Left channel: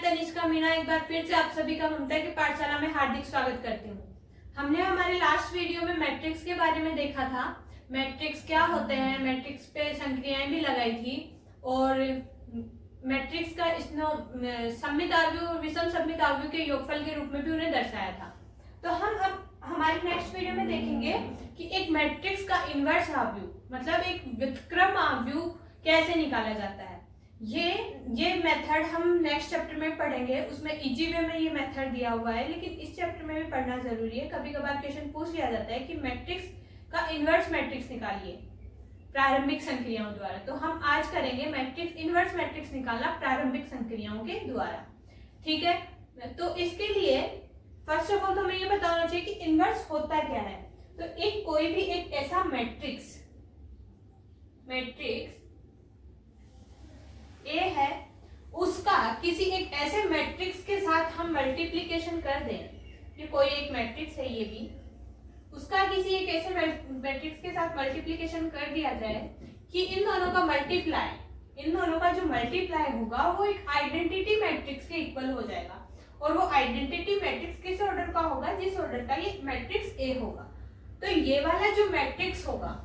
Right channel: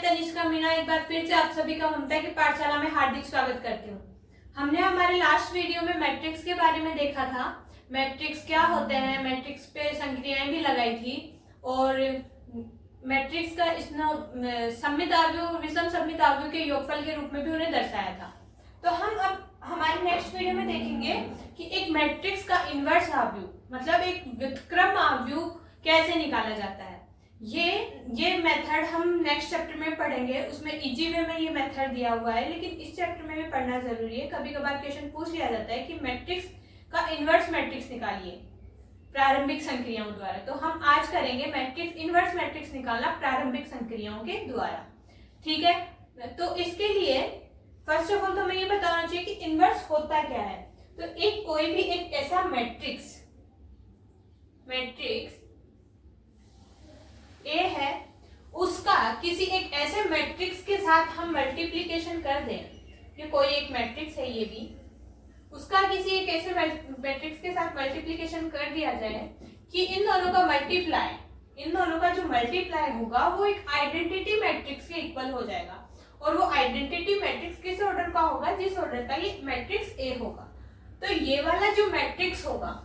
मैं तनिष्का मीणा एक बार फिर से आप सभी का ममता की पाठशाला में हार्दिक स्वागत करती हूँ। हमने हमारे लास्ट वीडियो में मैट्रिक्स के बारे में देखा था। मैट्रिक्स क्या होते हैं, मैट्रिक्स पे संक्रियाएं भी लगाई थी और मैट्रिक्स का सममित आव्यूह और विषम सममित आव्यूह के योगफल के रूप में भी उन्हें दर्शाया था। तो हम अब हमारे नेक्स्ट वीडियो में देखेंगे कि एक मैट्रिक्स का इनवर्स आव्यूह मतलब एक व्युत्क्रम आव्यूह कैसे निकाला जाता है। ये मेथड हम नेक्स्ट चैप्टर में पढ़ेंगे। उसमें इजी वे में ये मेथड दिया हुआ है, लेकिन इस चैप्टर में भी पढ़ना जरूरी है। कभी कभार क्वेश्चन पूछ लिया जाता है कि मैट्रिक्स का इनवर्स मैट्रिक्स निकालिए प्रारंभिक संक्रियाओं द्वारा। तो हम आज करेंगे मैट्रिक्स इनवर्स मैट्रिक्स निकालना प्रारंभिक संक्रियाओं के द्वारा। ठीक है, तो इसके लिए फर्स्ट ऑफ ऑल तो हमें ये बताना चाहिए कि इनवर्स होता क्या है। तो एक कोई भी एक ऐसा मैट्रिक्स ए है, उसका किसी एक ऐसे मैट्रिक्स के साथ हम मल्टीप्लिकेशन कर दें। ये कोई एक मैट्रिक्स है, ये भी उसका किसी एक ऐसे मैट्रिक्स के साथ मल्टीप्लिकेशन कर दिया जाए कि इन दोनों का जो मल्टीप्लाई होगा वो एक आइडेंटिटी मैट्रिक्स के इक्वल हो जाएगा। और वो आइडेंटिटी मैट्रिक्स किस ऑर्डर का होगा? जिस ऑर्डर का ये मैट्रिक्स ए होगा। तो ये वाला जो मैट्रिक्स होगा,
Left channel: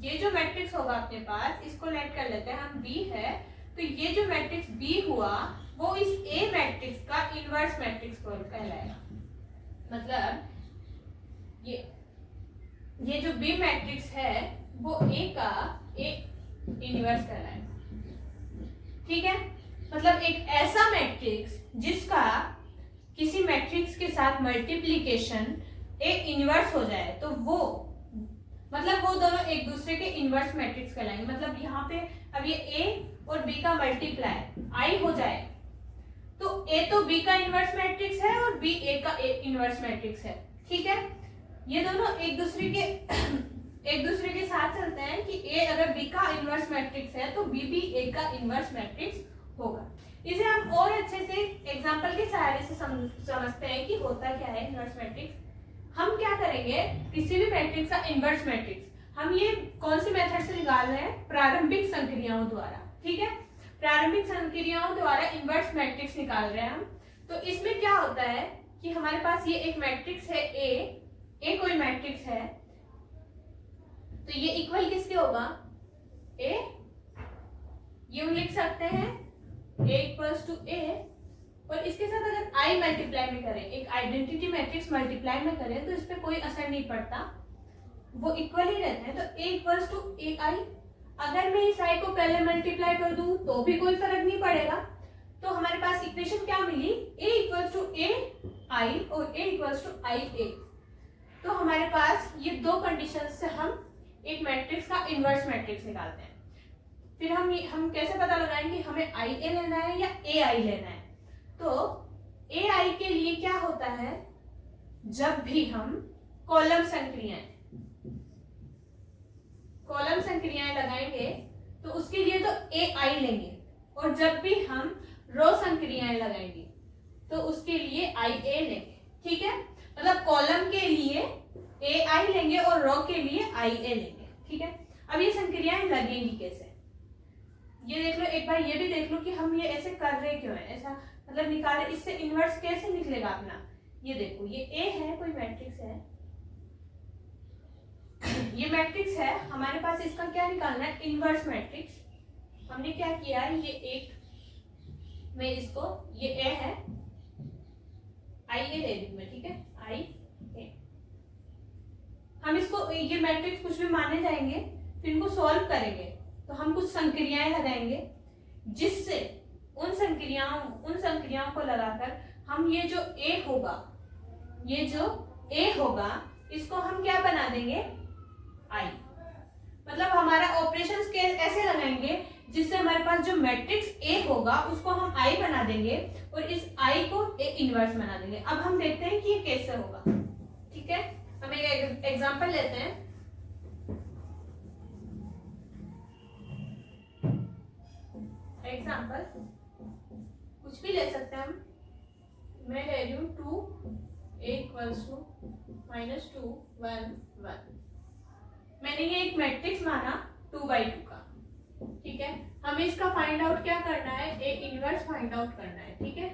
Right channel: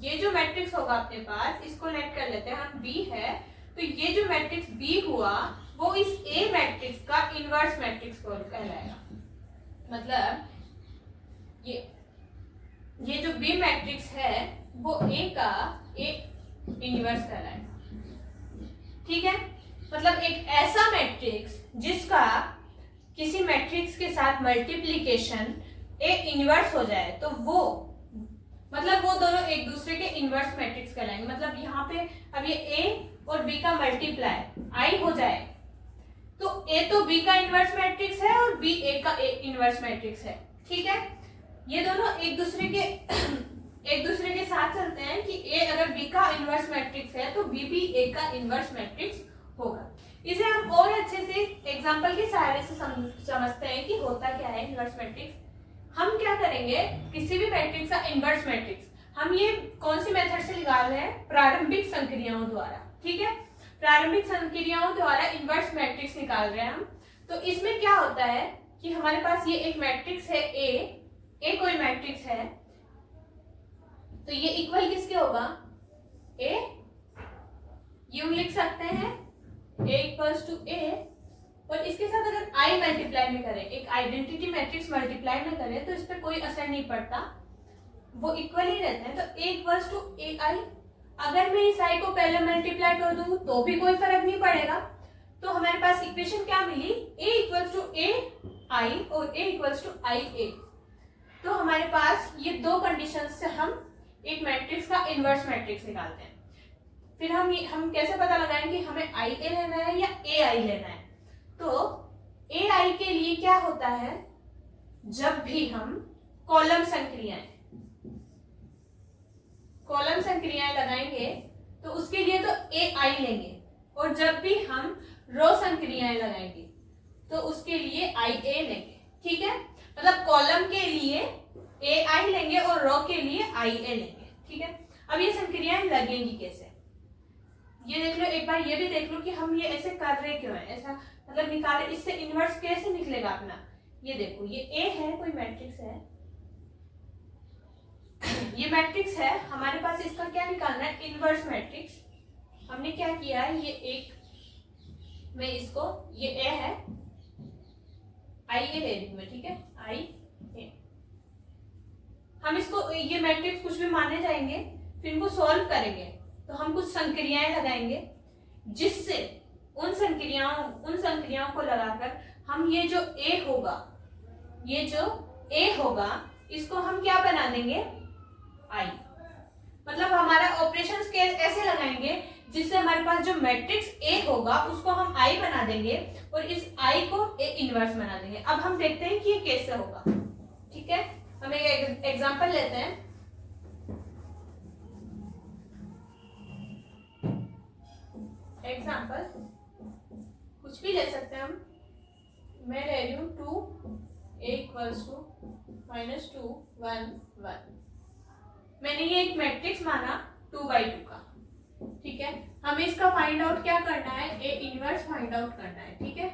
ये जो मैट्रिक्स होगा अपने पास, इसको लेट कर लेते हैं हम, बी है। तो ये जो मैट्रिक्स बी हुआ वो इस ए मैट्रिक्स का इनवर्स मैट्रिक्स कहलाएगा। मतलब ये जो बी मैट्रिक्स है वो ए का इनवर्स कहलाएगा। ठीक है, मतलब एक ऐसा मैट्रिक्स जिसका किसी मैट्रिक्स के साथ मल्टीप्लिकेशन ए इनवर्स हो जाए तो वो दोनों एक दूसरे के इनवर्स मैट्रिक्स कहलाएंगे। मतलब यहाँ पे अब ये ए और बी का मल्टीप्लाई आई हो जाए तो ए तो बी का इनवर्स मैट्रिक्स है और बी ए का इनवर्स मैट्रिक्स है। ठीक है, ये दोनों एक दूसरे के साथ चलते हैं कि ए अगर बी का इनवर्स मैट्रिक्स है तो बी भी ए का इनवर्स मैट्रिक्स होगा। इसे हम और अच्छे से एग्जांपल के सहारे से समझते हैं कि होता क्या है इनवर्स मैट्रिक्स। हम क्या करेंगे, किसी भी मैट्रिक्स का इनवर्स मैट्रिक्स हम ये कौन सी मेथड से निकाल रहे हैं? प्रारंभिक संक्रियाओं द्वारा। ठीक है, प्रारंभिक संक्रियाओं द्वारा इनवर्स मैट्रिक्स निकाल रहे हैं हम। तो इसमें क्या होता है कि हमारे पास ये एक मैट्रिक्स है ए कोई मैट्रिक्स है, तो ये इक्वल किसके होगा? ए, यूं लिख सकते हैं ए इक्वल्स टू ए, और इसके साथ अगर आई मल्टीप्लाई में करें, एक आइडेंटिटी मैट्रिक्स मल्टीप्लाई में करें तो इस पे कोई असर नहीं पड़ता, वो इक्वल ही रहते हैं। तो ए इक्वल्स टू ए आई, अगर मैं इस आई को पहले मल्टीप्लाई कर दूं तो भी कोई फर्क नहीं पड़ेगा। तो हमारे पास इक्वेशन क्या मिली? ए इक्वल्स टू ए आई और ए इक्वल्स टू आई ए। तो हमारे पास ये दो कंडीशन से हम एक मैट्रिक्स का इनवर्स मैट्रिक्स निकालते हैं। फिर हम कैसे पता लगाएंगे हमें आई ए लेना है या ए आई लेना है? तो ए आई के लिए क्या होता है, जब भी हम कॉलम संक्रियाएं लगाएंगे तो उसके लिए तो ए आई लेंगे, और जब भी हम रो संक्रियाएं लगाएंगे तो उसके लिए आई ए लेंगे। ठीक है, मतलब कॉलम के लिए ए आई लेंगे और रो के लिए आई ए लेंगे। ठीक है, अब ये संक्रियाएं लगेंगी कैसे, ये देख लो एक बार, ये भी देख लो कि हम ये ऐसे कर रहे क्यों है, ऐसा मतलब निकाले, इससे इनवर्स कैसे निकलेगा अपना। ये देखो, ये ए है, कोई मैट्रिक्स है, ये मैट्रिक्स है हमारे पास, इसका क्या निकालना है? Inverse matrix. हमने क्या किया है, ये एक मैं इसको, ये ए है, आई ए ले रही हूं मैं। ठीक है, आई ए, हम इसको ये मैट्रिक्स कुछ भी माने जाएंगे, फिर इनको सॉल्व करेंगे तो हम कुछ संक्रियाएं लगाएंगे, जिससे उन संक्रियाओं को लगाकर हम ये जो ए होगा इसको हम क्या बना देंगे? आई। मतलब हमारा ऑपरेशंस ऐसे लगाएंगे जिससे हमारे पास जो मैट्रिक्स ए होगा उसको हम आई बना देंगे और इस आई को ए इनवर्स बना देंगे। अब हम देखते हैं कि ये कैसे होगा। ठीक है, हम एक एग्जांपल लेते हैं। एग्जांपल कुछ भी ले सकते हैं हम, मैं ले रही हूँ 2 ए इक्वल्स टू -2 1 1। मैंने ये एक मैट्रिक्स माना 2/2 का। ठीक है, हमें इसका फाइंड आउट क्या करना है? ए इनवर्स फाइंड आउट करना है। ठीक है,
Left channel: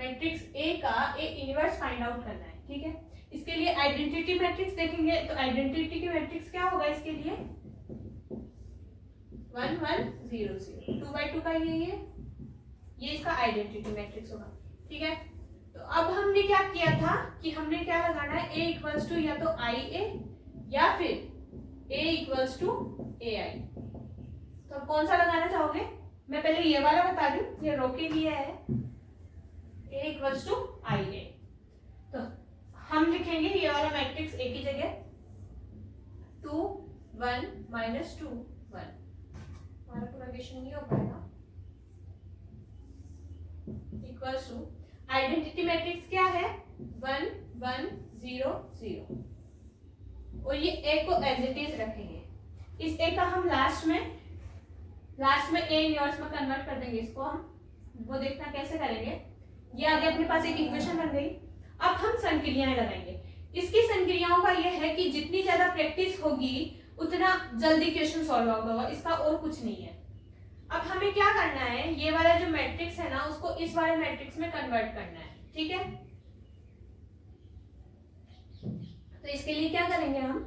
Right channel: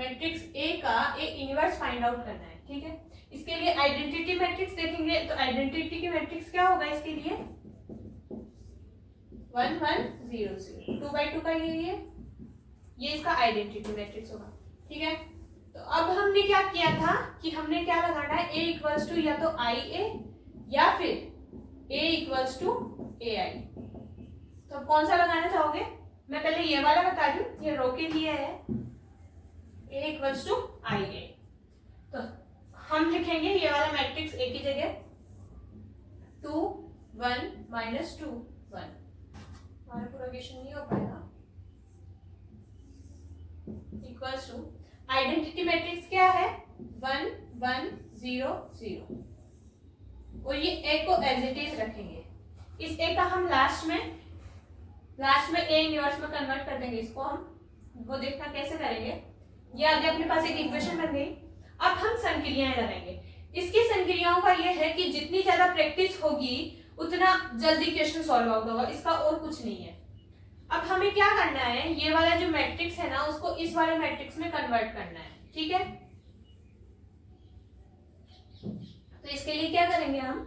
मैट्रिक्स ए का एक इनवर्स फाइंड आउट करना है, ठीक है। इसके लिए आइडेंटिटी मैट्रिक्स देखेंगे, तो आइडेंटिटी की मैट्रिक्स क्या होगा इसके लिए, 1 1 0 0, 2 by 2 का ये इसका आइडेंटिटी मैट्रिक्स होगा, ठीक है। तो अब हमने क्या किया था कि हमने क्या लगाना है, a इक्वल्स टू या तो आई ए या फिर a इक्वल्स टू ए आई। तो अब कौन सा लगाना चाहोगे, मैं पहले ये वाला बता दूं, ये रो के लिए है a इक्वल्स टू आई ए। तो हम लिखेंगे ये वाला मैट्रिक्स a की जगह 2 1 -2 1, हमारा पूरा क्वेश्चन नहीं हो पाएगा, इक्वल्स टू आइडेंटिटी मैट्रिक्स क्या है 1 1 0 0, और ये a को एज इट इज रखेंगे। इस a का हम लास्ट में a इनवर्स में कन्वर्ट कर देंगे इसको, हम वो देखना कैसे करेंगे। ये आगे अपने पास एक इक्वेशन बन गई। अब हम संक्रियाएं लगाएंगे। इसकी संक्रियाओं का ये है कि जितनी ज्यादा प्रैक्टिस होगी उतना जल्दी क्वेश्चन सॉल्व आउट होगा, इसका और कुछ नहीं है। अब हमें क्या करना है, ये वाला जो मैट्रिक्स है ना उसको इस वाले मैट्रिक्स में कन्वर्ट करना है, ठीक है। तो इसके लिए क्या करेंगे हम,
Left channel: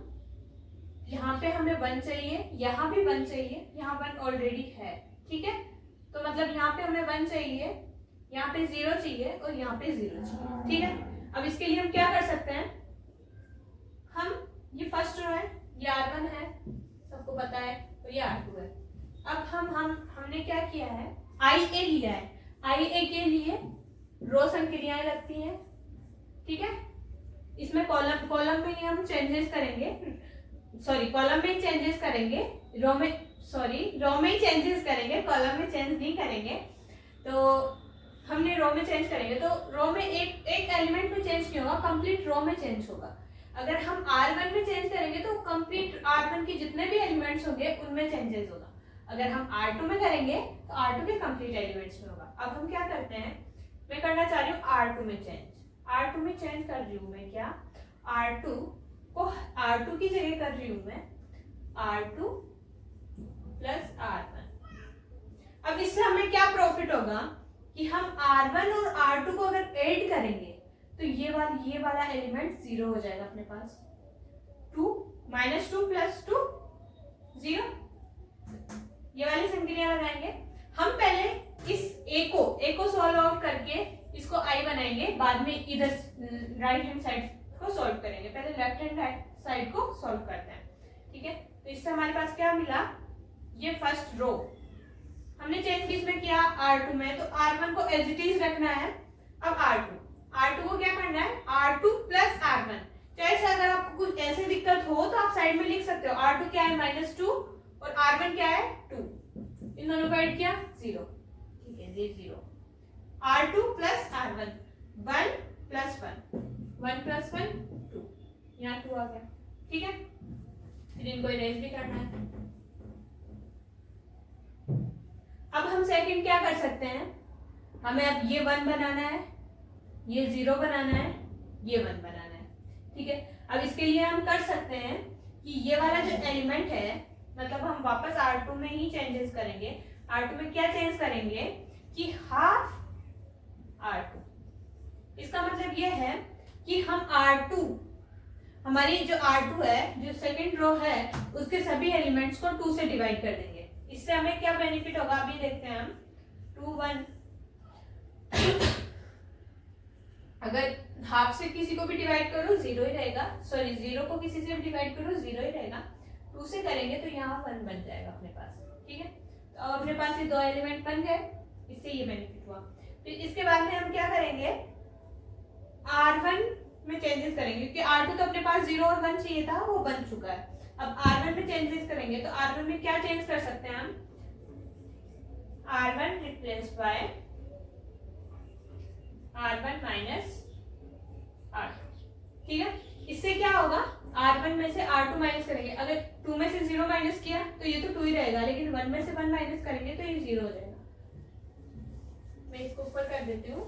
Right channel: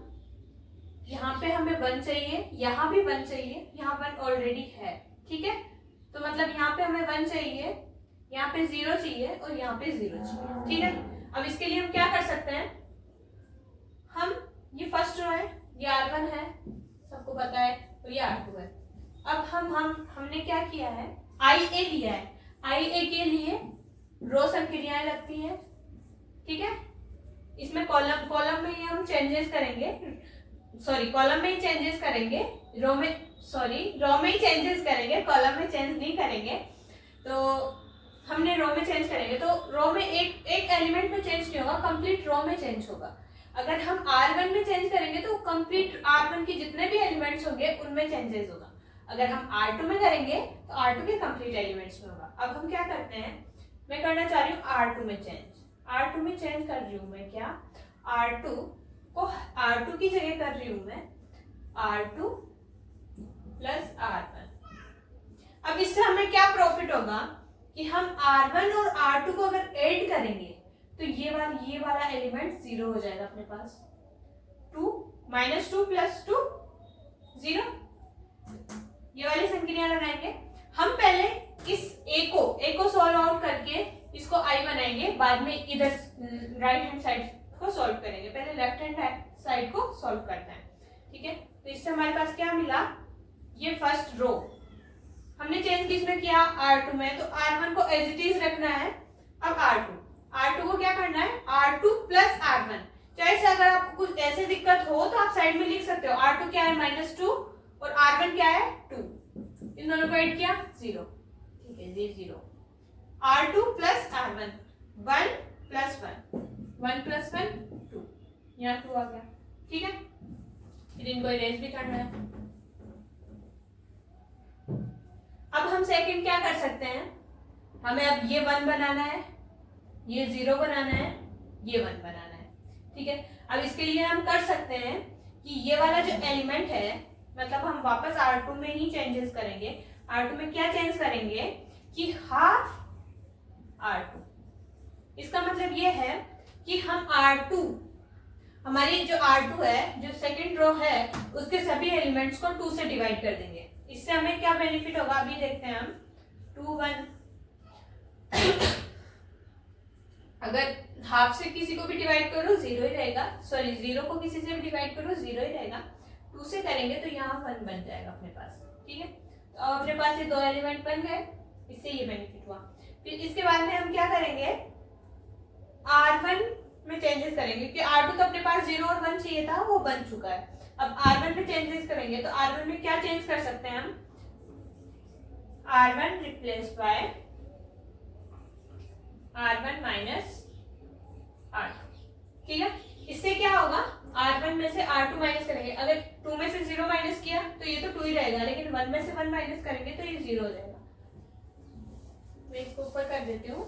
यहाँ पे हमें 1 चाहिए, यहाँ भी 1 चाहिए, यहाँ 1 ऑलरेडी है, ठीक है। तो मतलब यहाँ पे हमें 1 चाहिए, यहाँ पे 0 चाहिए और यहाँ पे 0 चाहिए, ठीक है। अब इसके लिए हम क्या कर सकते हैं, हम ये फर्स्ट रो है, ये R1 है, सबको पता है, और ये R2 है। अब हमने क्या किया है, IA लिया है, IA के लिए रो संक्रियाएं लगती हैं, ठीक है। इसमें कॉलम में ही हम चेंजेस करेंगे, सॉरी कॉलम में ही चेंजेस करेंगे, रो में ही चेंजेस करेंगे, कॉलम में चेंज नहीं करेंगे। तो हमने रो में चेंज करेंगे, तो रो में एक एलिमेंट में चेंज नहीं होगा, कंप्लीट रो में चेंज होगा। अगर हम R1 में चेंज करेंगे तो कंप्लीट R1 के जितने भी एलिमेंट्स होंगे उनमें चेंजेस होगा। अगर हम R2 में करेंगे तो R2 के कंप्लीट एलिमेंट्स में होगा। अब हम क्या करते हैं, मैं करना चाह रही हूँ R2 में चेंज कर रही हूँ मैं क्या, R2 को R2 की जगह कर रही हूँ मैं R2 प्लस R1। अब इससे हमें क्या प्रॉफिट होगा कि हम R1 और R2 को अगर ऐड करेंगे तो ये वाला एलिमेंट 0 हो जाएगा अपने पास, 2 -2 + 2 0। ये वाली संक्रिया लगाएंगे हम। पहले इस a को सॉल्व आउट करके इसको I बनाएंगे, बाद में इधर राइट हैंड साइड को सॉल्व करेंगे। पहले लेफ्ट हैंड साइड को सॉल्व करते हैं, ठीक है। तो इससे हमारे पास क्या मिला, ये फर्स्ट रो हमने चेंज किसमें किया, R2 में, तो R1 को एज इट इज रखना है। अब R2 को क्या करना है, R2 प्लस R1। चाहे से अगर आपको कुछ ऐसे दिक्कत हो तो आप साइड में लिख सकते हो, R2 क्या है -2 और R1 क्या है 2, इन दोनों को ऐड किया 0, ठीक है, ये 0। R2 प्लस R1 1 + 1 + 1 2, यहाँ 2 आ गया, ठीक है। फिर इनको इरेज भी करना है। अब हम सेकंड क्या कर सकते हैं, हमें अब ये 1 बनाना है, ये 0 बनाना है, ये 1 बनाना है, ठीक है। अब इसके लिए हम कर सकते हैं कि ये वाला जो एलिमेंट है, मतलब हम वापस R2 में ही चेंजेस करेंगे। R2 में क्या चेंज करेंगे कि हाफ R2, इसका मतलब ये है कि हम R2, हमारी जो R2 है, जो सेकंड रो है, उसके सभी एलिमेंट्स को 2 से डिवाइड कर देंगे। इससे हमें क्या बेनिफिट होगा, अभी देखते हैं हम। 2 1 अगर हाफ से किसी को भी डिवाइड करो 0 ही रहेगा, सॉरी 0 को किसी से भी डिवाइड करो 0 ही रहेगा। 2 से करेंगे तो यहाँ 1 बन जाएगा अपने पास, ठीक है। तो अब अपने पास ये 2 एलिमेंट बन गए, इससे ये बेनिफिट हुआ। फिर इसके बाद में हम क्या करेंगे, R1 में चेंजेस करेंगे, क्योंकि R2 तो अपने पास 0 और 1 चाहिए था, वो बन चुका है। अब R1 में चेंजेस करेंगे, तो R1 में क्या चेंज कर सकते हैं हम, R1 replace by R1 minus R2, ठीक है। इससे क्या होगा, R1 में से R2 माइनस करेंगे, अगर 2 में से 0 माइनस किया तो ये तो 2 ही रहेगा, लेकिन 1 में से 1 माइनस करेंगे तो ये 0 हो जाएगा। मैं इसको ऊपर कर देती हूँ।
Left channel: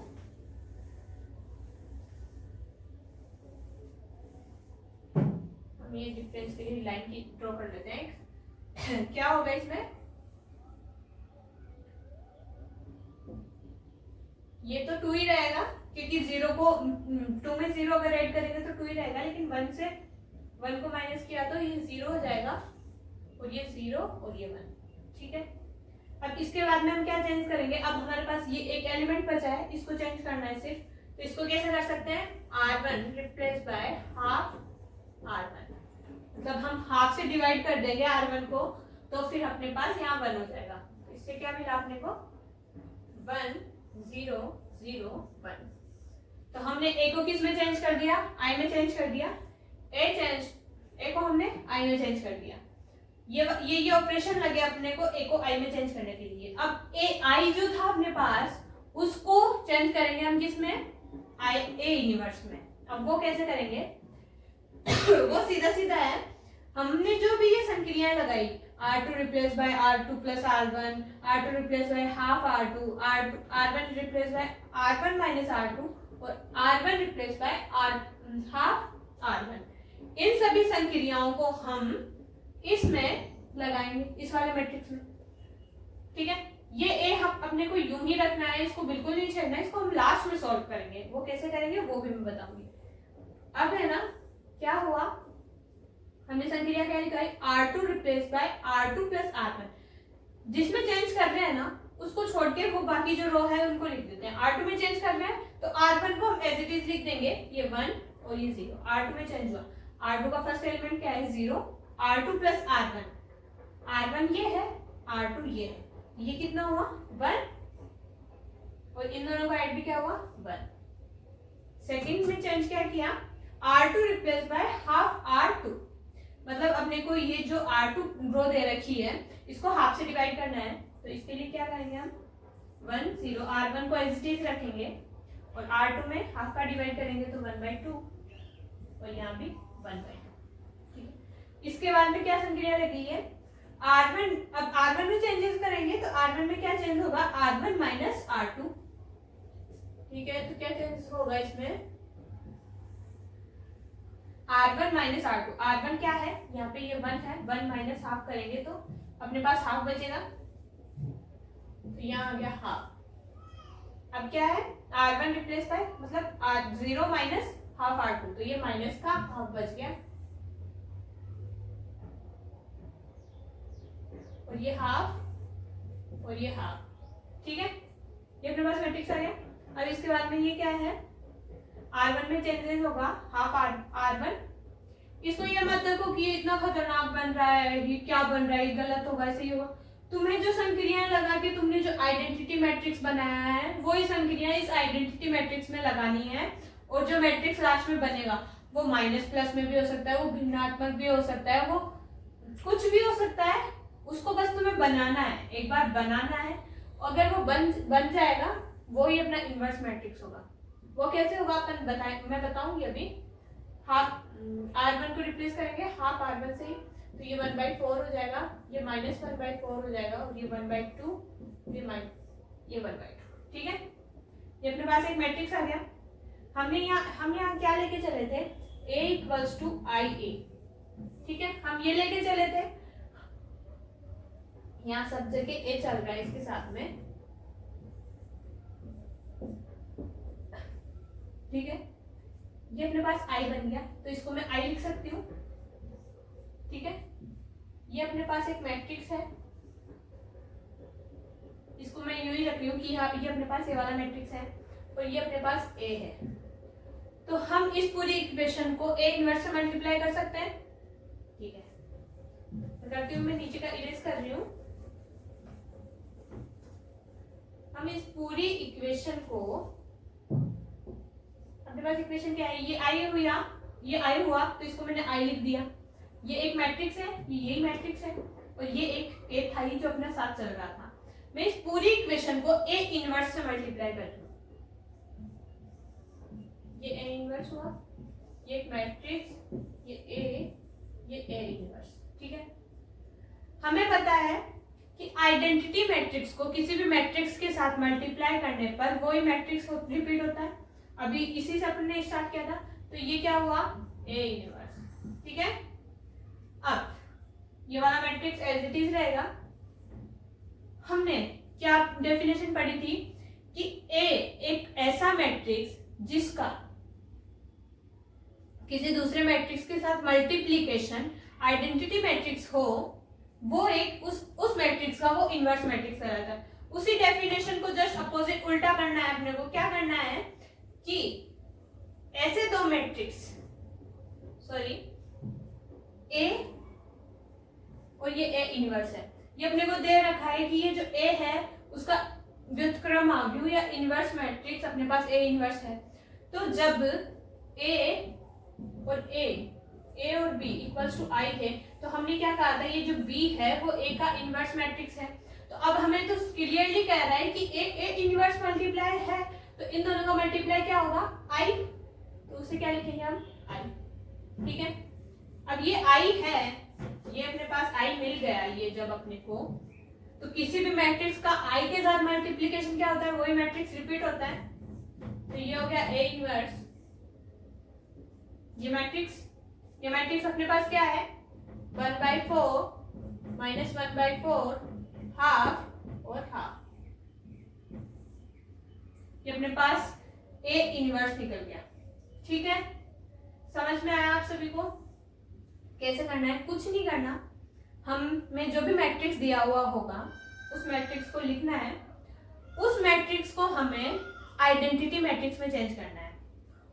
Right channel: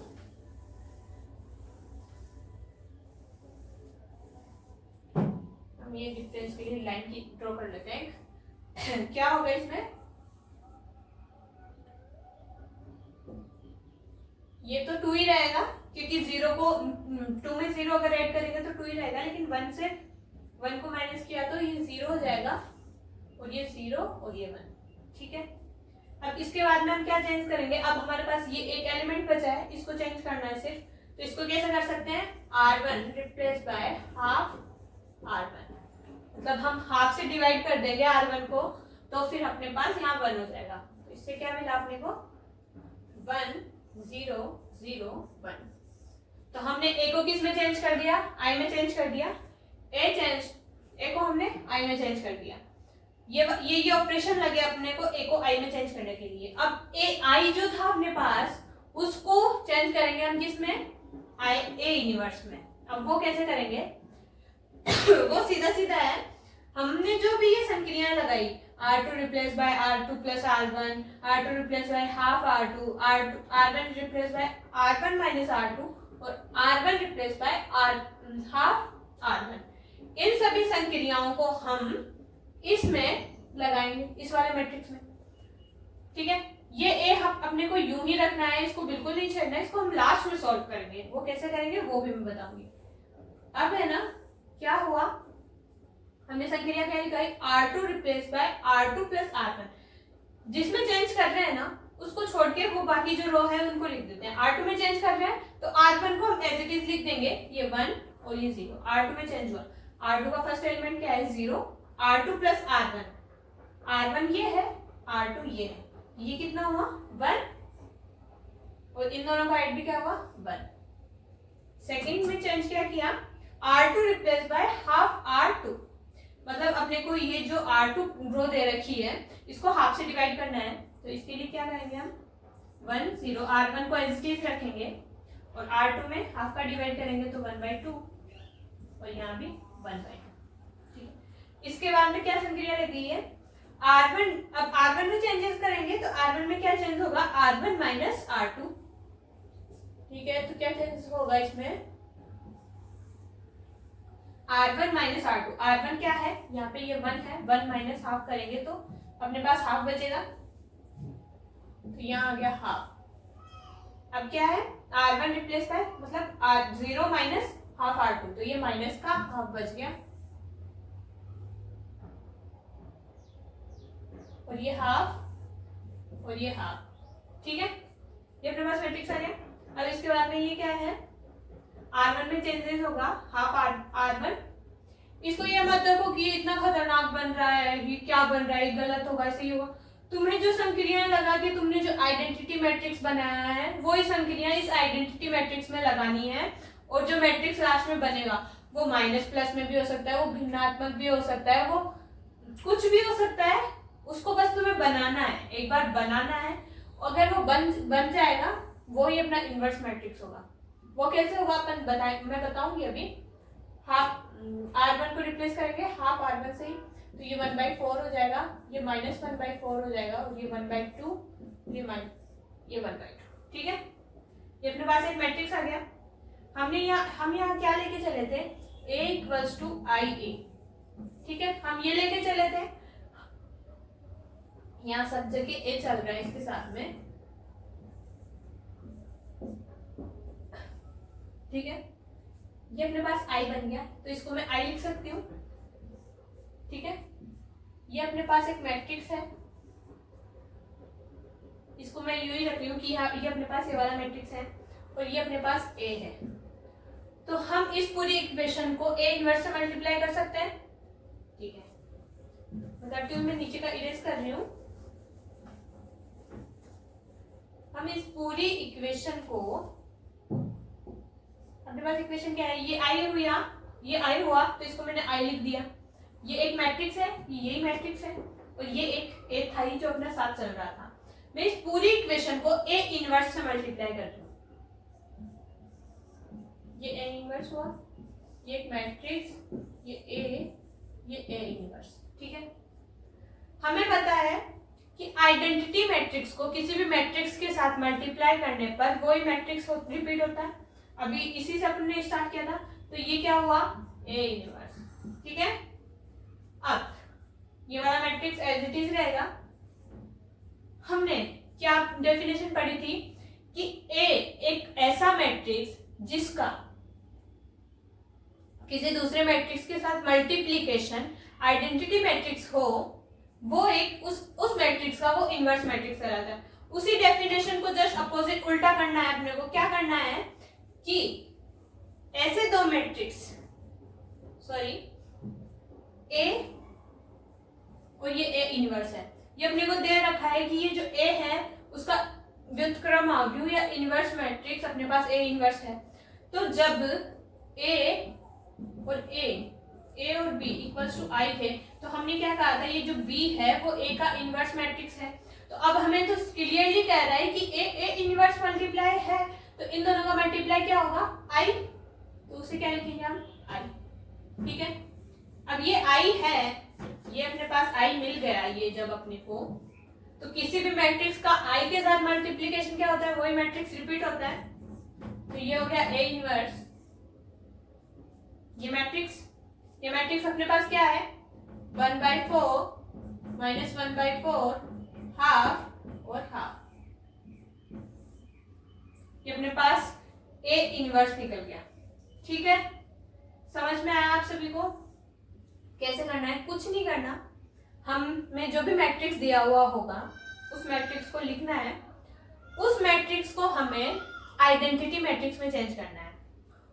हम ये डिफरेंस के लिए लाइन की ड्रॉ कर लेते हैं। क्या होगा इसमें, ये तो 2 ही रहेगा, क्योंकि 0 को 2 में 0 अगर ऐड करेंगे तो 2 ही रहेगा, लेकिन 1 से 1 को माइनस किया तो ये 0 हो जाएगा, और ये 0 और ये 1। ठीक है, अब इसके बाद में हम क्या चेंज करेंगे, अब हमारे पास ये एक एलिमेंट बचा है, इसको चेंज करना है सिर्फ। तो इसको कैसे कर सकते हैं, r1 replace by half r1, मतलब हम हाफ से डिवाइड कर देंगे r1 को, तो फिर अपने पास यहाँ 1 हो जाएगा। तो इससे क्या मिला अपने को, 1 0 0 1। तो हमने a को किस में चेंज कर दिया, i में चेंज कर दिया, a को हमने i में चेंज कर दिया। ये ऑपरेशन लगे अपने को a को i में चेंज करने के लिए। अब i जो था अपने पास उसको चेंज करेंगे हम किसमें, a इनवर्स में। अब वो कैसे करेंगे वो सीधा सीधा है, हमने जो भी ये संक्रियाएं लगाई, r2 replace by r2 plus r1, r2 replace by half r2, r1 replace by r1 minus r2, और r1 replace by half r1, इन सभी संक्रियाओं को हम इसमें लगाएंगे, इस वाले मैट्रिक्स में। ठीक है, ये ए हम अपने को यूं ही रखना है, इसको बिल्कुल नहीं छेड़ना है, इसको हम लास्ट में सॉल्व करेंगे। वो कैसे करेंगे वो भी मैं बताऊंगी। अब है ना, क्या हुआ, हमने संक्रिया क्या लिखाई, r2 replace by r2 plus r1, जिसमें चेंज कर रहे हैं ना उसको छोड़ के वो बाकी जो रो है उनको लिख देते हैं। r2 में चेंज कर रहे हैं तो r1 को हम एज इट इज लिख देंगे, ये 1 और ये 0। r2 में चेंज हुआ, r2 का फर्स्ट एलिमेंट क्या है 0, r2 प्लस r1, r1 ये है, r2 ये है, ये कितना हुआ 1, और इन दोनों का ऐड भी क्या हुआ 1। सेकंड में चेंज क्या किया, r2 replace by half r2, मतलब अपने को ये जो r2 रो दे रखी है इसको हाफ से डिवाइड करना है, तो इसके लिए क्या करेंगे हम 1 0, r1 को एज इट इज रखेंगे और r2 में हाफ का डिवाइड करेंगे तो 1/2, और यहाँ भी 1/2। ठीक है, इसके बाद में क्या संक्रिया लगी है, r1, अब r1 में चेंजेस करेंगे तो r1 में क्या चेंज होगा, r1 माइनस r2। ठीक है, तो क्या चेंज होगा इसमें, r1 माइनस r2, r1 क्या है यहाँ पे ये 1 है, 1 माइनस हाफ करेंगे तो अपने पास हाफ बचेगा, तो यहाँ आ गया हाफ। अब क्या है, r1 रिप्लेस बाय मतलब 0 माइनस हाफ r2, तो ये माइनस का हाफ बच गया, और ये हाफ और ये हाफ। ठीक है, ये अपने पास मैट्रिक्स आ गया। अब इसके बाद में ये क्या है, r1 में चेंजेस होगा हाफ r1, इसको ये मत देखो कि ये इतना खतरनाक बन रहा है, ये क्या बन रहा है, ये गलत होगा, ऐसे ही होगा। तुम्हें जो संक्रियाएं लगा के तुमने जो आइडेंटिटी मैट्रिक्स बनाया है वही संक्रियाएं इस आइडेंटिटी मैट्रिक्स में लगानी है, और जो मैट्रिक्स लास्ट में बनेगा वो माइनस प्लस में भी हो सकता है, वो भिन्नात्मक भी हो सकता है, वो कुछ भी हो सकता है, उसको बस तुम्हें बनाना है, एक बार बनाना है। अगर वो बन जाएगा वो ही अपना इनवर्स मैट्रिक्स होगा। वो कैसे होगा मैं बताऊंगी अभी। हाफ r1 को रिप्लेस करेंगे हाफ r1 से ही, तो ये 1/4 हो जाएगा, ये माइनस 1/4 हो जाएगा, और ये 1/2, ये 1/2। ठीक है, ये अपने पास एक मैट्रिक्स आ गया। हम यहाँ क्या लेके चले थे, a इक्वल्स टू IA। ठीक है, हम ये लेके चले थे, यहाँ सब जगह a चल रहा है इसके साथ में। ठीक है, ये अपने पास i बन गया, तो इसको मैं i लिख सकती हूँ। ठीक है, ये अपने पास एक मैट्रिक्स है, इसको मैं यूं ही रख रही हूँ कि ये अपने पास ये वाला मैट्रिक्स है, और ये अपने पास a है। तो हम इस पूरी इक्वेशन को a इनवर्स से मल्टीप्लाई कर सकते हैं। ठीक है, करती हूँ, मैं नीचे का इरेज कर रही हूँ। हम इस पूरी इक्वेशन को, अपने पास इक्वेशन क्या है, ये आई हुआ, ये आई हुआ, तो इसको मैंने आई लिख दिया। ये एक मैट्रिक्स है, ये यही मैट्रिक्स है, और ये एक था ही जो अपना साथ चल रहा था। मैं इस पूरी इक्वेशन को ए इनवर्स से मल्टीप्लाई कर रही हूँ। ये ए इनवर्स हुआ, ये एक मैट्रिक्स, ये ए इनवर्स। ठीक है, हमें पता है कि आइडेंटिटी मैट्रिक्स को किसी भी मैट्रिक्स के साथ मल्टीप्लाई करने पर वही मैट्रिक्स रिपीट होता है। अभी इसी से अपन ने स्टार्ट किया था, तो ये क्या हुआ, ए इनवर्स। ठीक है, अब ये वाला मैट्रिक्स एज इट इज रहेगा। हमने क्या डेफिनेशन पढ़ी थी कि ए एक मैट्रिक्स जिसका किसी दूसरे मैट्रिक्स के साथ मल्टीप्लीकेशन आइडेंटिटी मैट्रिक्स हो, वो एक उस मैट्रिक्स का वो इनवर्स मैट्रिक्स कहलाता है। उसी डेफिनेशन को जस्ट अपोजिट उल्टा करना है अपने को। क्या करना है कि ऐसे दो मैट्रिक्स, सॉरी ए और ये ए इनवर्स है, ये अपने को दे रखा है कि ये जो ए है उसका व्युत्क्रम आव्यूह या इनवर्स मैट्रिक्स अपने पास ए इनवर्स है। तो जब ए और बी इक्वल्स टू आई थे तो हमने क्या कहा था, ये जो बी है वो ए का इनवर्स मैट्रिक्स है। तो अब हमें तो क्लियरली कह रहा है कि ए इनवर्स मल्टीप्लाई है, तो इन दोनों का मल्टीप्लाई क्या होगा, आई। तो उसे क्या लिखेंगे हम, आई। ठीक है, अब ये आई है, ये अपने पास आई मिल गया ये जब अपने को, तो किसी भी मैट्रिक्स का आई के साथ मल्टीप्लिकेशन क्या होता है, वही मैट्रिक्स रिपीट होता है। तो ये हो गया ए इनवर्स। ये मैट्रिक्स अपने पास क्या है, 1/4 माइनस 1/4 हाफ और हाफ। ये अपने पास ए इनवर्स निकल गया। ठीक है, समझ में आया आप सभी को कैसे करना है? कुछ नहीं करना, हमें जो भी मैट्रिक्स दिया हुआ होगा उस मैट्रिक्स को लिखना है, उस मैट्रिक्स को हमें आइडेंटिटी मैट्रिक्स में चेंज करना है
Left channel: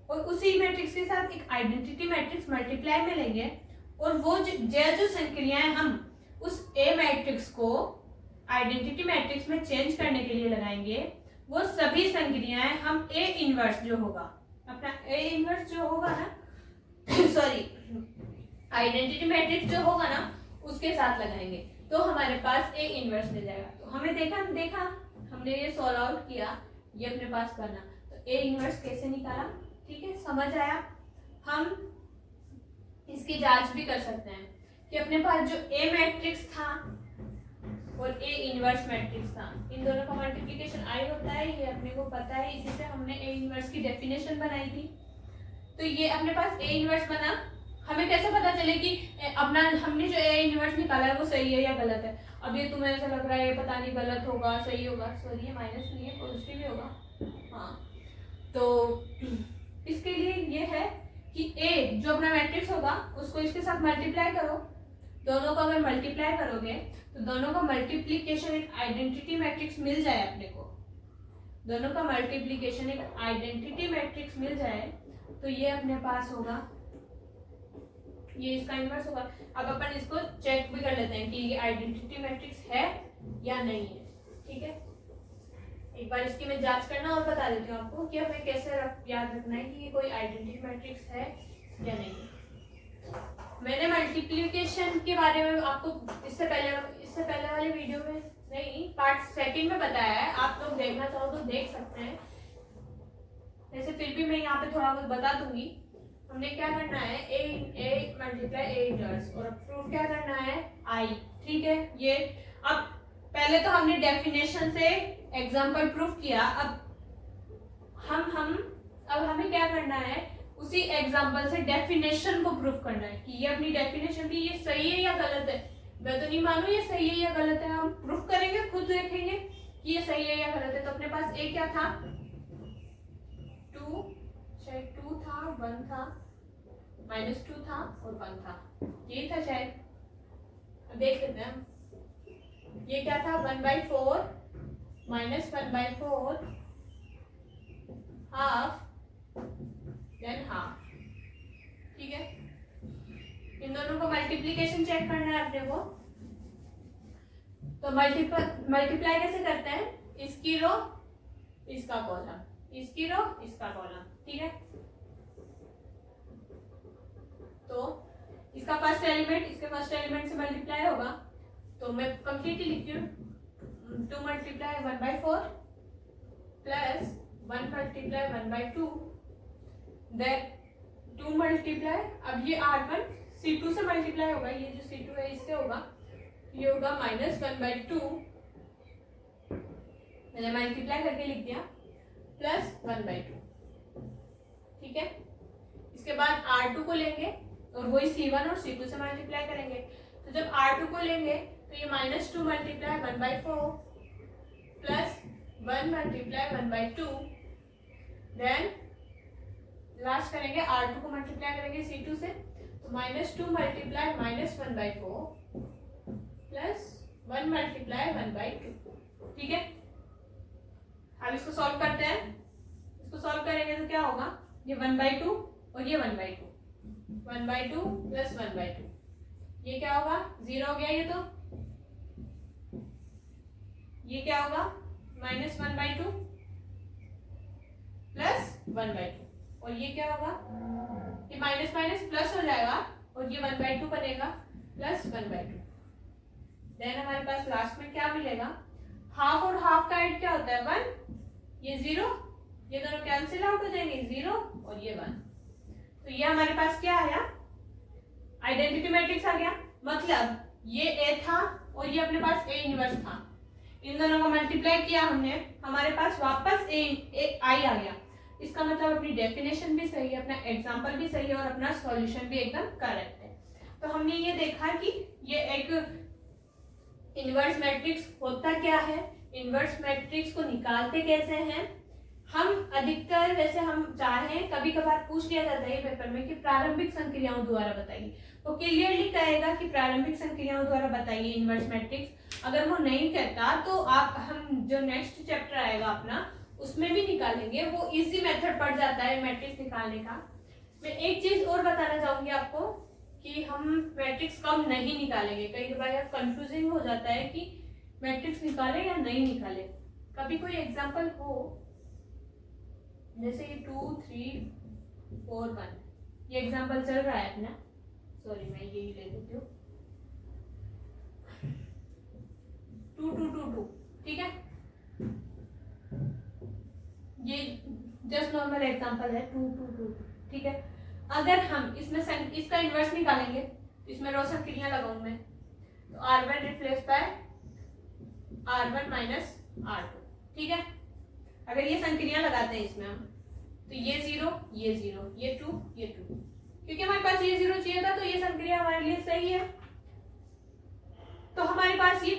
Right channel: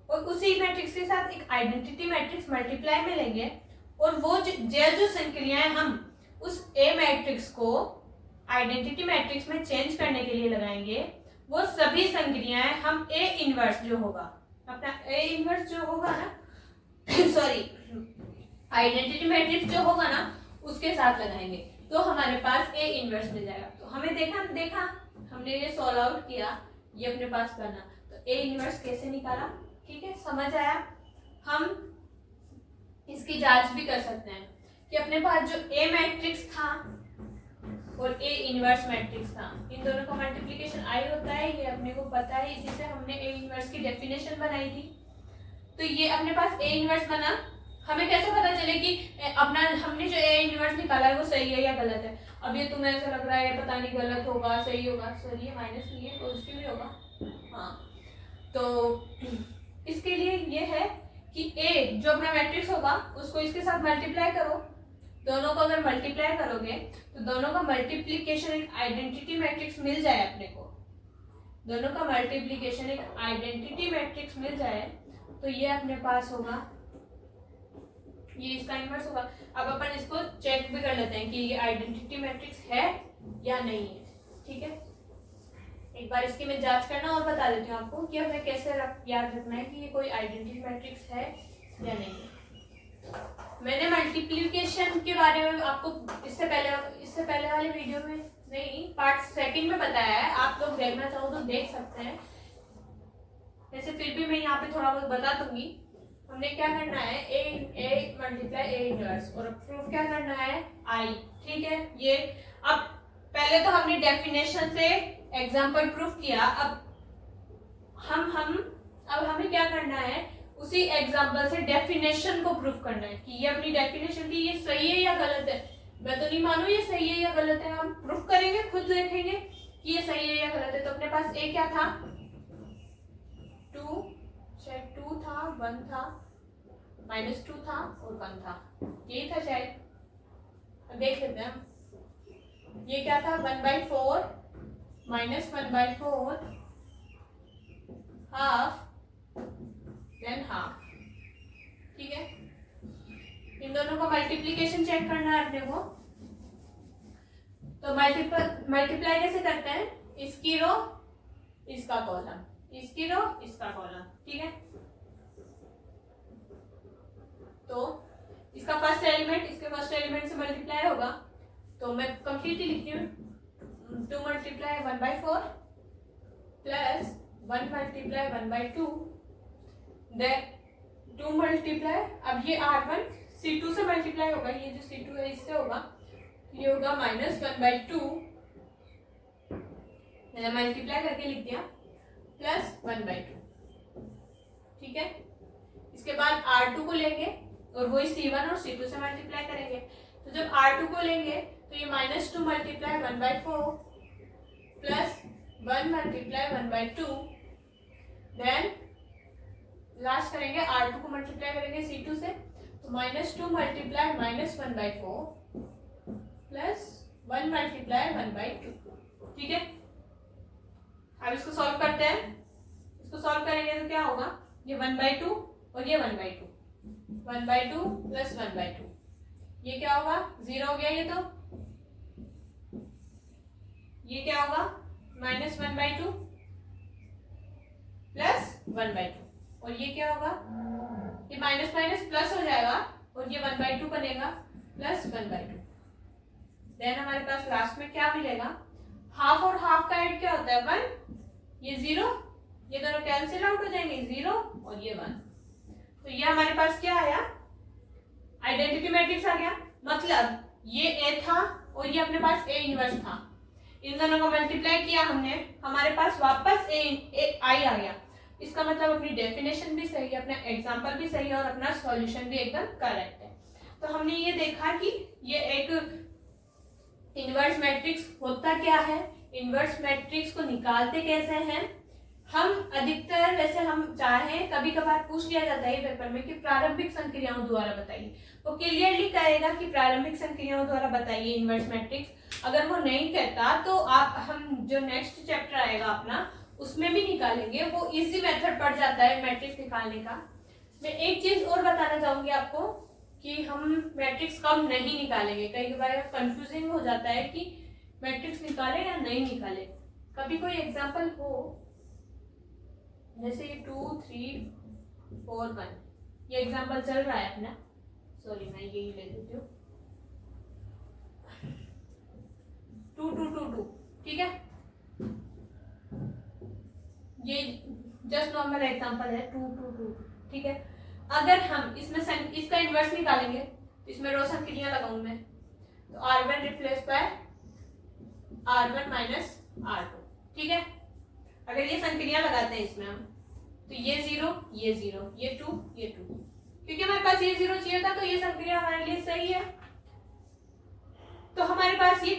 और उसी मैट्रिक्स के साथ एक आइडेंटिटी मैट्रिक्स मल्टीप्लाई में लेंगे और वो जो संक्रियाएं हम उस ए मैट्रिक्स को आइडेंटिटी मैट्रिक्स में चेंज करने के लिए लगाएंगे, वो सभी संक्रियाएं हम ए इनवर्स जो होगा, अपना ए इनवर्स जो होगा ना सॉरी आइडेंटिटी मैट्रिक्स जो होगा ना उसके साथ लगाएंगे, तो हमारे पास ए इनवर्स मिल जाएगा। तो हमें देखा हमने ये सॉल्व आउट किया, ये अपने पास बना, तो ए इनवर्स कैसे निकाला। ठीक है, समझ आया? हम इसकी जांच भी कर सकते हैं कि अपने पास जो ए मैट्रिक्स था और ए इनवर्स मैट्रिक्स था, इन दोनों का मल्टीप्लिकेशन आई होता है, ये अपने को पता है, इसी से हमने ए इनवर्स की डेफिनेशन बनाई थी। तो ये अपने पास ए इनवर्स बना। हमें कैसे पता चले कि अपना हमने जो ए इनवर्स निकाला है वो सही है या गलत है? अब ये तुम्हें ऐसा लग रहा है पता नहीं गलत होगा सही होगा, सॉरी ये माइनस नहीं है पॉजिटिव ही होगा। हाँ, तो इसके लिए ये है कि ए जो अपना मैट्रिक्स होगा उसको इसके साथ मल्टीप्लाई करो, दोनों को अगर मल्टीप्लाई करोगे तो दोनों का मल्टीप्लिकेशन एक आइडेंटिटी मैट्रिक्स मिल जाए अपने को, दोनों का मल्टीप्लिकेशन एक आइडेंटिटी मैट्रिक्स मिल जाए तो ये अपने पास होगा, ये इसका इनवर्स होगा। अब अपन इसको चेक भी कर लेते हैं कि ये आइडेंटिटी मैट्रिक्स है या नहीं है। ठीक है, एक बार इसकी मैं जांच करना और बता देती हूँ आपको कि हमें कैसे याद रखना है कि ये कोई आइडेंटिटी मैट्रिक्स है या नहीं है। मैंने मल्टीप्लिकेशन के बारे में आपको इससे पहले वाले वीडियो में नहीं, पार्ट सेकंड में बताया है, आप लोग देखना चाहो तो देख सकते हैं, वैसे फिर भी मैं यहाँ पे थोड़ा बहुत बता दूंगी। हमने क्या करना है, ए मल्टीप्लाई ए इनवर्स और प्रूफ क्या करना है, आई। ठीक है, ये अब पहले तो हमने डेफिनेशन से एग्जांपल प्रूफ किया, अब हमें क्या करना है, उसी एग्जांपल से डेफिनेशन को प्रूफ करना है कि ये अपनी डेफिनेशन थी, ये सही है या गलत है। मैं तो नहीं मानू ये सही है या गलत है, हम प्रूफ करेंगे, खुद देखेंगे कि ये सही है या गलत है। तो अपने पास ए क्या था, 2 था, 1 था, -2 था और 1 था, यही था शायद। अब देख लेते हैं हम, ये क्या था, 1/4 माइनस 1/4 हाफ देन हाफ। ठीक है, इन दोनों का मल्टीप्लिकेशन चेक करना है अपने को। तो मल्टीप्लाई कैसे करते हैं, इसकी रो इसका कॉलम, इसकी रो इसका कॉलम। ठीक है, तो इसका फर्स्ट एलिमेंट इसके फर्स्ट एलिमेंट से मल्टीप्लाई होगा, तो मैं कंप्लीटली लिखती हूँ, 2 × 1/4 प्लस 1 × 1/2 देन 2 × अब ये R1 C2 से मल्टीप्लाई होगा, ये जो C2 है इससे होगा, ये होगा -1/2, मैंने मल्टीप्लाई करके लिख दिया, प्लस 1/2। ठीक है, इसके बाद R2 को लेंगे और वही C1 और C2 से मल्टीप्लाई करेंगे। तो जब R2 को लेंगे तो ये -2 × 1/4 प्लस 1 × 1/2 देन लास्ट करेंगे R2 को मल्टीप्लाई करेंगे C2 से, तो -2 मल्टीप्लाई -1/4 प्लस 1 मल्टीप्लाई 1/2। ठीक है, अब इसको सॉल्व करते हैं। इसको सॉल्व करेंगे तो क्या होगा, ये 1/2 और ये 1/2, 1/2 प्लस 1/2, ये क्या होगा 0 हो गया। ये क्या होगा -1/2 प्लस 1/2, और ये क्या होगा, ये माइनस माइनस प्लस हो जाएगा और ये 1/2 बनेगा प्लस 1/2। देन हमारे पास लास्ट में क्या मिलेगा, हाफ और हाफ का एड क्या होता है 1, ये 0, ये दोनों कैंसिल आउट हो जाएंगे 0 और ये 1। तो ये हमारे पास क्या आया, आइडेंटिटी मैट्रिक्स आ गया। मतलब ये ए था और ये अपने पास ए इनवर्स था, इन दोनों को मल्टीप्लाई किया हमने, हमारे पास वापस ए आई आ गया। इसका मतलब अपनी डेफिनेशन भी सही है, अपना एग्जाम्पल भी सही है और अपना सॉल्यूशन भी एकदम करेक्ट है। तो हमने ये देखा कि ये एक इनवर्स मैट्रिक्स होता क्या है, इनवर्स मैट्रिक्स को निकालते कैसे हैं। हम अधिकतर वैसे हम चाहें कभी कभार पूछ लिया जाता है पेपर में कि प्रारंभिक संक्रियाओं द्वारा बताइए, वो क्लियरली कहेगा कि प्रारंभिक संक्रियाओं द्वारा बताइए इनवर्स मैट्रिक्स। अगर वो नहीं कहता तो हम जो नेक्स्ट चैप्टर आएगा अपना उसमें भी निकालेंगे, वो इजी मेथड पड़ जाता है मैट्रिक्स निकालने का। मैं एक चीज और बताना चाहूंगी आपको कि हम मैट्रिक्स कब नहीं निकालेंगे। कई बार कंफ्यूजिंग हो जाता है कि मैट्रिक्स निकाले या नहीं निकाले। कभी कोई एग्जांपल हो, जैसे ये 2 3 4 1, ये एग्जांपल चल रहा है अपना, सॉरी मैं यही ले लेती हूँ 2 2 2 2, ठीक है, ये जस्ट नॉर्मल एग्जांपल है 2 2 2, ठीक है। अगर हम इसमें इसका इन्वर्स निकालेंगे तो इसमें रो संक्रिया लगाऊं मैं, तो R1 replace by R1 minus R2, ठीक है। अगर ये संक्रिया लगाते हैं इसमें हम, तो ये 0 ये 0 ये 2 ये 2, क्योंकि हमारे पास ये 0 चाहिए था तो ये संक्रिया हमारे लिए सही है। तो हमारे पास ये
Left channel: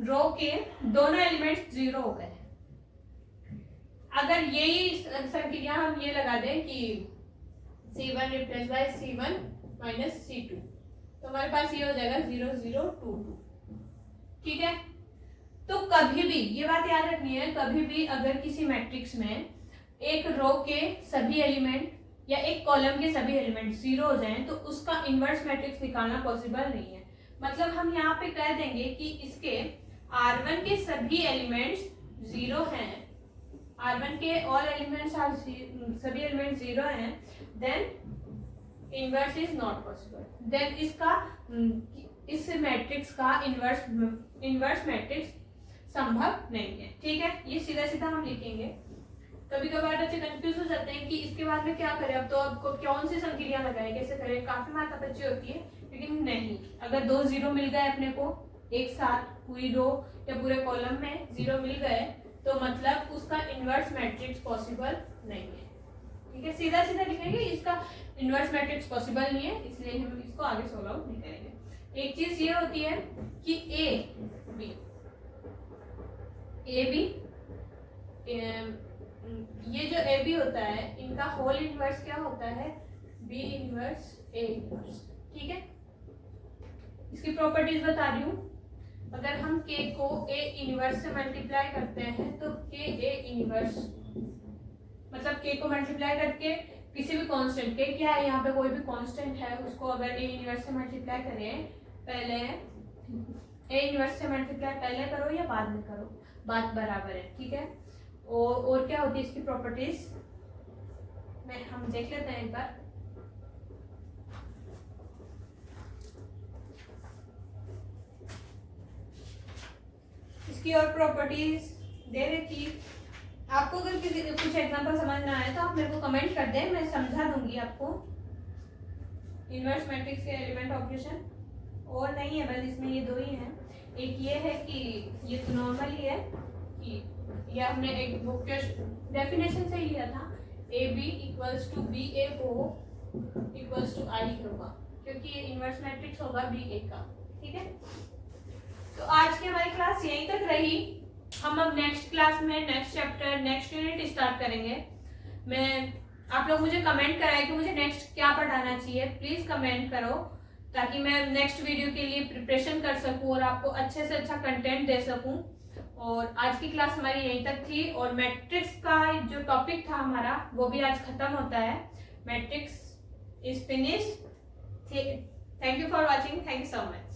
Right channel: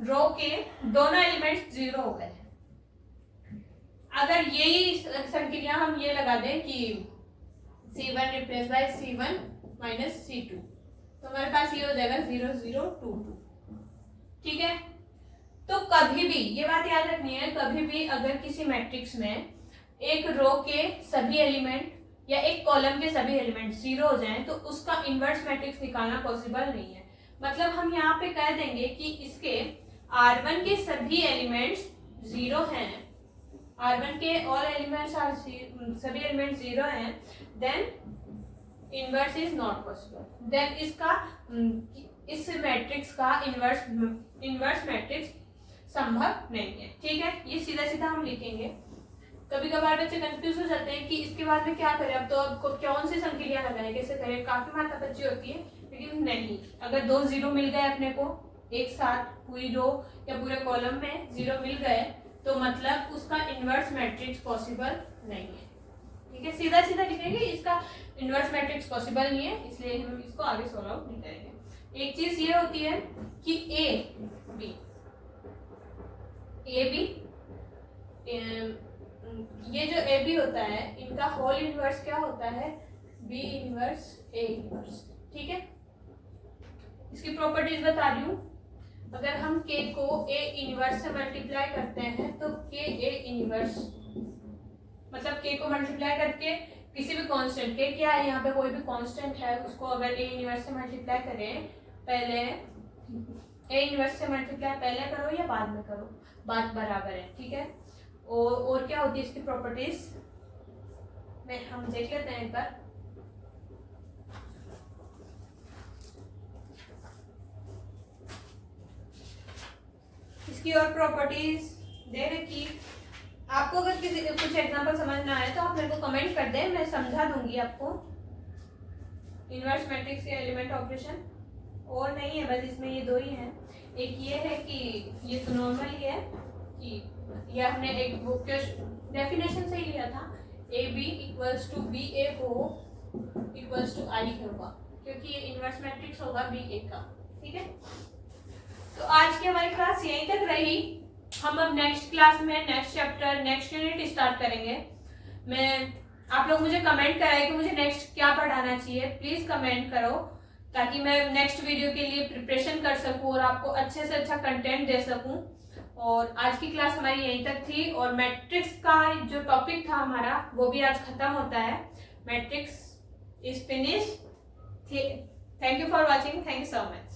रो के दोनों एलिमेंट्स 0 हो गए। अगर यही संक्रिया हम ये लगा दें कि C1 replace by C1 minus C2, तो हमारे पास ये हो जाएगा 0 0 2 2, ठीक है। तो कभी भी ये बात याद रखनी है, कभी भी अगर किसी मैट्रिक्स में एक रो के सभी एलिमेंट या एक कॉलम के सभी एलिमेंट 0 हो जाएं तो उसका इनवर्स मैट्रिक्स निकालना पॉसिबल नहीं है। मतलब हम यहाँ पे कह देंगे कि इसके R1 के सभी एलिमेंट्स 0 हैं, R1 के ऑल एलिमेंट्स आर सभी एलिमेंट 0 हैं, then inverse is not possible, then इसका इस मैट्रिक्स का इनवर्स मैट्रिक्स संभव नहीं है, ठीक है। ये सीधा सीधा हम लिखेंगे। कभी कभार बच्चे कंफ्यूज हो जाते हैं कि इसके बाद में क्या करें, अब तो आपको कौन सी संक्रिया लगाए, कैसे करें, काफी माथापच्ची होती है। लेकिन नहीं, अगर 2 0 मिल गए अपने को एक साथ पूरी रो या पूरे कॉलम में 0 मिल गए तो मतलब उसका इनवर्स मैट्रिक्स पॉसिबल नहीं है, ठीक है। सीधा सीधा लिखेंगे इसका इनवर्स मैट्रिक्स पॉसिबल नहीं है, इसलिए हम इसको आगे सॉल्व आउट नहीं करेंगे। एक चीज ये होती है कि ए बी ये जो ए बी होता है इनका होल इनवर्स क्या होता है, बी इनवर्स ए इनवर्स, ठीक है। इसकी प्रॉपर्टीज बता रही हूँ। अगर हम k को a इनवर्स से मल्टीप्लाई करते हैं तो k a इनवर्स, मतलब k को मल्टीप्लाई करके किसी भी कांस्टेंट, k क्या है यहाँ पे कोई भी कांस्टेंट है उसको अगर a इनवर्स से मल्टीप्लाई करें, पहले a इनवर्स से मल्टीप्लाई पहले करो या बाद में करो, बात बराबर है, ठीक है। और क्या होती है इसकी प्रॉपर्टीज में हम देख लेते हैं एक बार। इसकी और प्रॉपर्टीज दे रखी। आपको अगर किसी कुछ एग्जांपल समझ ना आए तो आप मेरे को कमेंट कर दें, मैं समझा दूंगी आपको। इनवर्स मैट्रिक्स के एलिमेंट ऑपरेशन और नहीं है, बस इसमें ये 2 ही हैं। एक ये है कि ये तो नॉर्मल ही है कि ये हमने एक बुक के डेफिनेशन से ही लिया था, A B equals to B A को इक्वल्स टू आई होगा, क्योंकि ये इनवर्स मैट्रिक्स होगा बी ए का, ठीक है। तो आज की हमारी क्लास यहीं तक रही। हम अब नेक्स्ट क्लास में next chapter next unit start करेंगे। मैं आप लोग मुझे कमेंट कराए कि मुझे नेक्स्ट क्या पढ़ाना चाहिए, प्लीज कमेंट करो ताकि मैं नेक्स्ट वीडियो के लिए प्रिपरेशन कर सकूं और आपको अच्छे से अच्छा कंटेंट दे सकूं। और आज की क्लास हमारी यहीं तक थी और मैट्रिक्स का जो टॉपिक था हमारा वो भी आज खत्म होता है। Matrix is finish. Thank you for watching, thank you so much.